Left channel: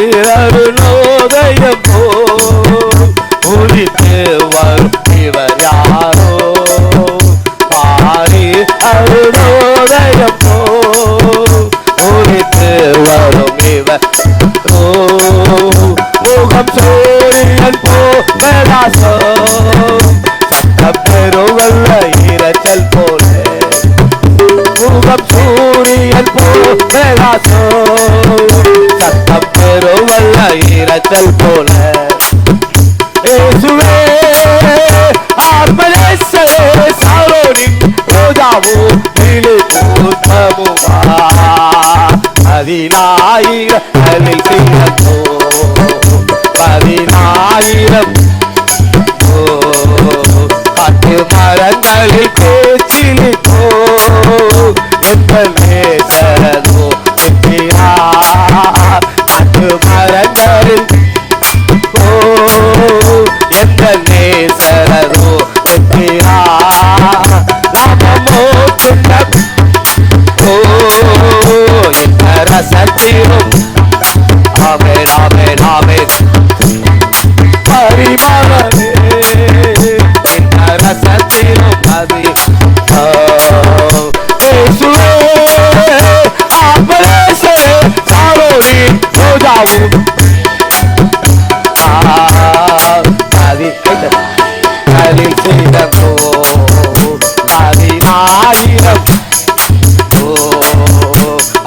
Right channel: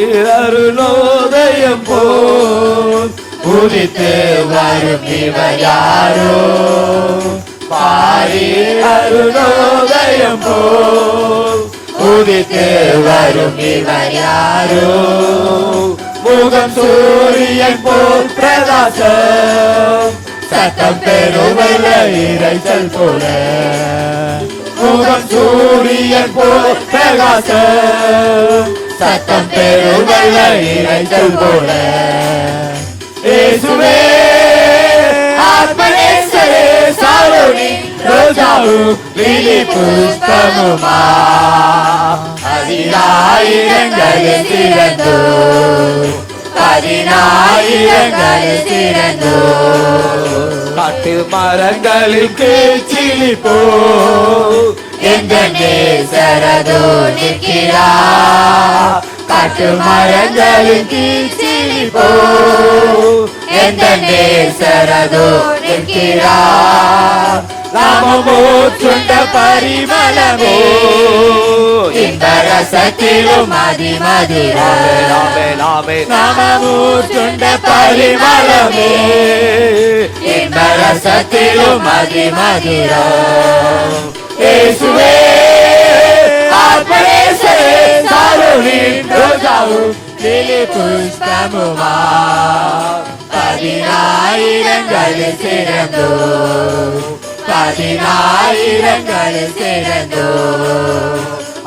அருணோதயம் போல் உதித்து வரும் இவர் யாரோ பாரீர் அருணோதயம் போல் உதித்து வரும் இவர் யாரோ முகம் சூரியன் போல் பிரகாசம் சட்டம் பெறுவல்ல இறைச்சல் போல முகம் சூரியன் போல் பிரகாசம் சட்டம் பெறுவல்ல இறைச்சல் போல இயேசுவே ஆத்மநேசரே சாரோனி ரோஜாவும் புஷ்பமுமா பதினாயிரம் திறந்தோ பதினாயிரம் காட்டு மரங்களில் பேச்சிலி போ எங்கள் நேசரதோ நிற்கிறார் காட்டு மரங்களில் போ எங்கள் நேசரதோ நிற்கிறார் நாமமோ சுண்ட பரிமளமோ இந்த ரசத்திலும் ஆமே ஆமே ஆமே பரிமளமே இந்த ரசத்திலும் மதிமதியோ இயேசுவே ஆத்மநேசரே சாரோனி ரோஜாவும் கலிசிடமோ பதினாயிரம்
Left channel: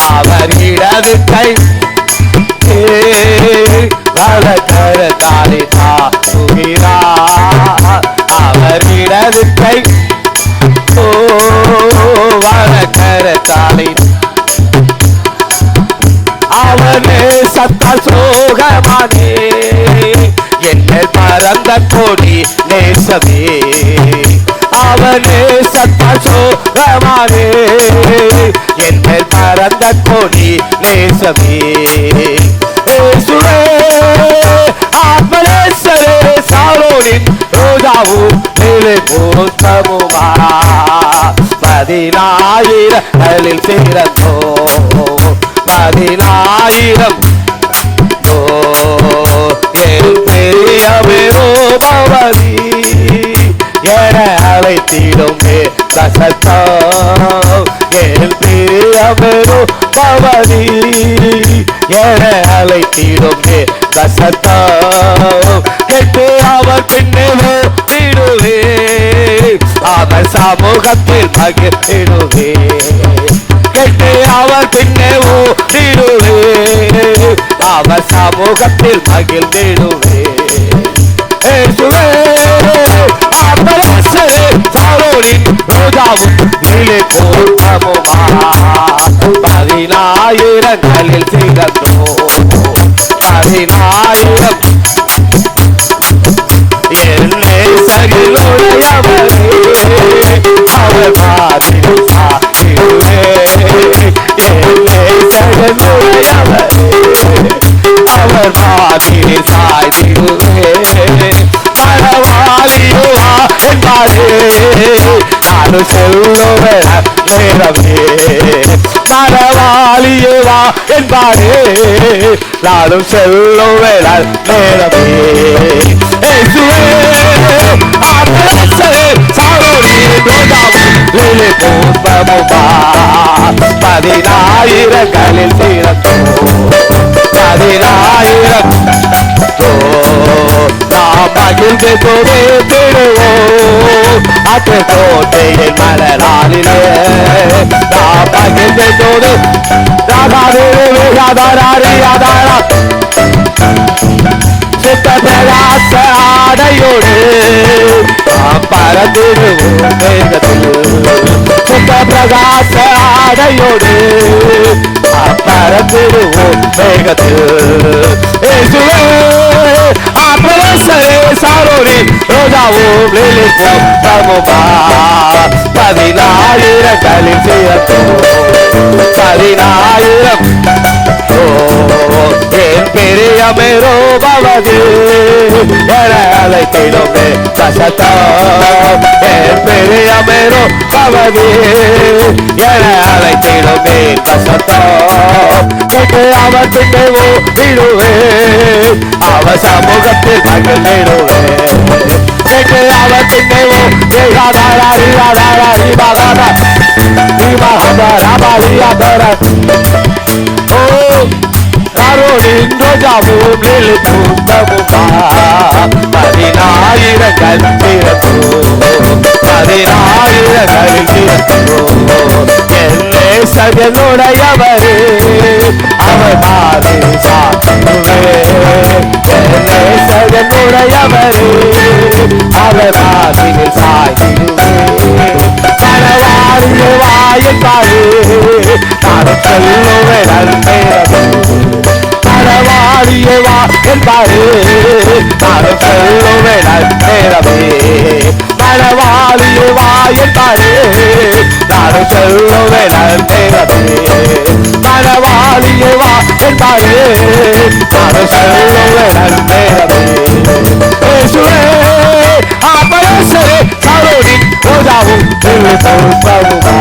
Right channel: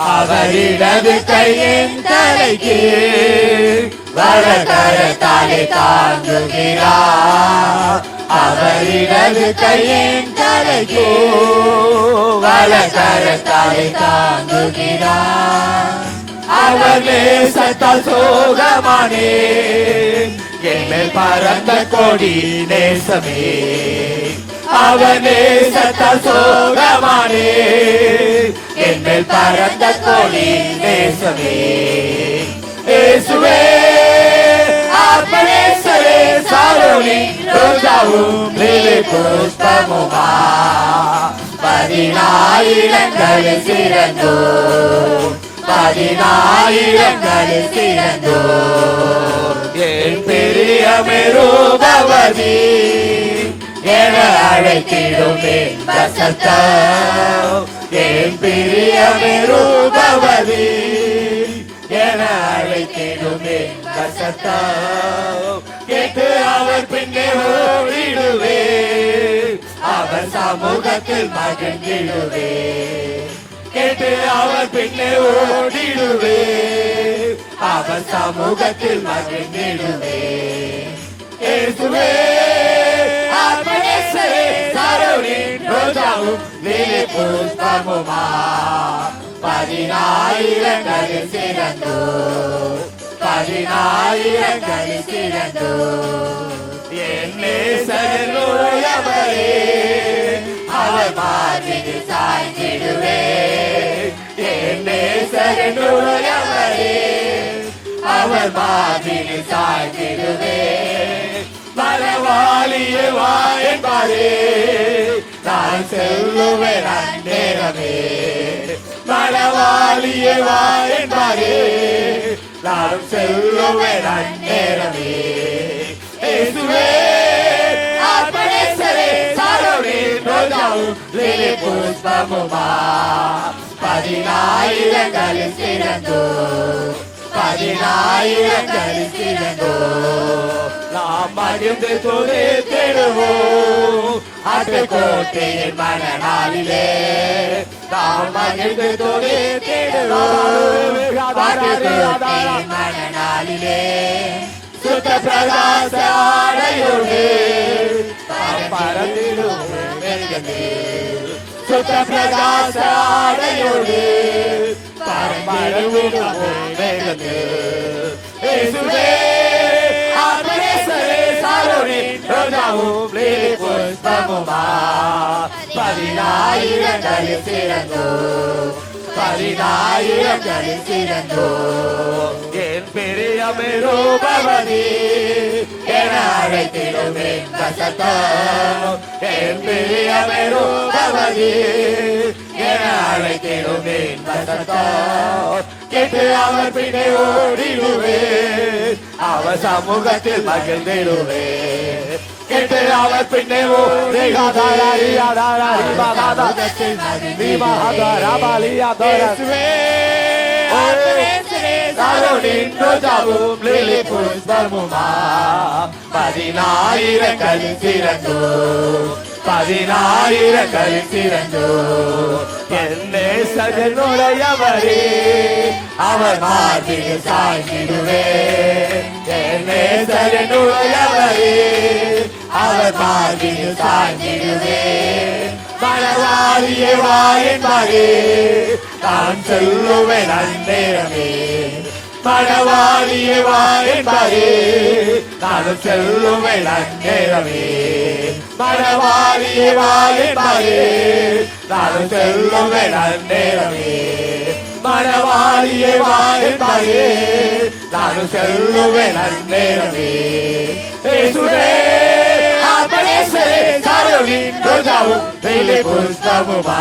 அவர் இடது கை வலகரத்தாலே தாங்குகிறார் அவர் இடது கை வலகரத்தாலே அவனே சத்தால் சோகமானே என்னில் பறந்த கொடி நேசமே அவனே சத்தால் சோகமானே என்னில் பறந்த கொடி நேசமே இயேசுவே ஆத்மநேசரே சாரோனின் ரோஜாவும் நீலை புஷ்பமுமா பதினாயிரங்களில் சிறந்தோ பதினாயிரம் என் பெரியவரோ பவதி என அழைத்திடுமே தசத்தம் என் பெரியவரோ பவதி என அழைத்திடுமே தசத்தம் கேட்டு அவர் பின்னே விடுவே அவர் சமூகத்தில் மகிழ்ந்திடுவே கேட்டு அவர் பின்னே ஓடிடுவே அவர் சமூகத்தில் மகிழ்ந்திடுவே இயேசுவே ஆத்மநேசரே சாரோனின் ரோஜாவும் நீலை புஷ்பமுமா பதினாயிரங்களில் சிறந்தோ பதினாயிரம் என் நேசர்களுடையவரே அவர் மாதிரி சாத்திடுவே என் நேசர்களுடையவரே அவர் மாதிரி சாய்திடுவே மனவாளியுவா என்பாரே நானும் செல்லுவேன் நேரமே மனவாளியேவா என்பாரே நானும் செல்லுவேன் நேரமே இயேசுவே ஆத்மநேசரே சாரோனி ரோஜாவும் நீலை புஷ்பமுமா பதினாயிரங்களில் சிறந்தோ பதினாயிரம் நாம் மகிழ்ந்து கொண்டே திருவோம் அத்து கோட்டையின் மலராலிலே நாம் மகிழ்ந்து கொண்டு சித்த பிரகாச ஆடையோடு நாம் பறந்திடுவோம் வேகத்தில் சித்த பிரகாச ஆடையோடு நாம் பறந்திடுவோம் வேகத்தில் இயேசுவே ஆத்மநேசரே சாரோனி ரோஜாவும் நீலை புஷ்பமுமா பதினாயிரங்களில் சிறந்தோ பதினாயிரம் என் பெரியவரோ பவதி என அழைத்திடுமே தசத்தம் என் பெரிய மேரோ கவதி என அழைத்திடும் மேல் வசத்தம் கேட்டு அவர் பின்னே விடுவேன் அவர் சமூகத்தில் மகிழ்ந்திடுவேன் கேட்டு அவர் பின்னே கரோனின் ரோஜாவும் லிலி பூந்தமுமா பதினாயிரங்கள் திறக்கும் பதினாயிரங்களில் திறக்கும் என்னே சஜனுடையவரே அவர் மாறி சாத்துவே என்னே சஜனுடையவரே அவர் மாதிரில் சாய்ந்திடுவே மனவாளியை வாயின்பாரே நானும் சொல்லுவேன் நன்மையது மனவாளியை வா என்பாரே நானும் சொல்லுவேன் நன்மையவே மனவாளியை வா என்பாரே நானும் சொல்லுவேன் நன்மையவே மனவாளியை வா என்பாரே நானும் சொல்லுவேன் நன்மையவே இயேசுவே ஆபரசரே கரோனின் ரோஜாவும் லில்லி பூந்தமுமா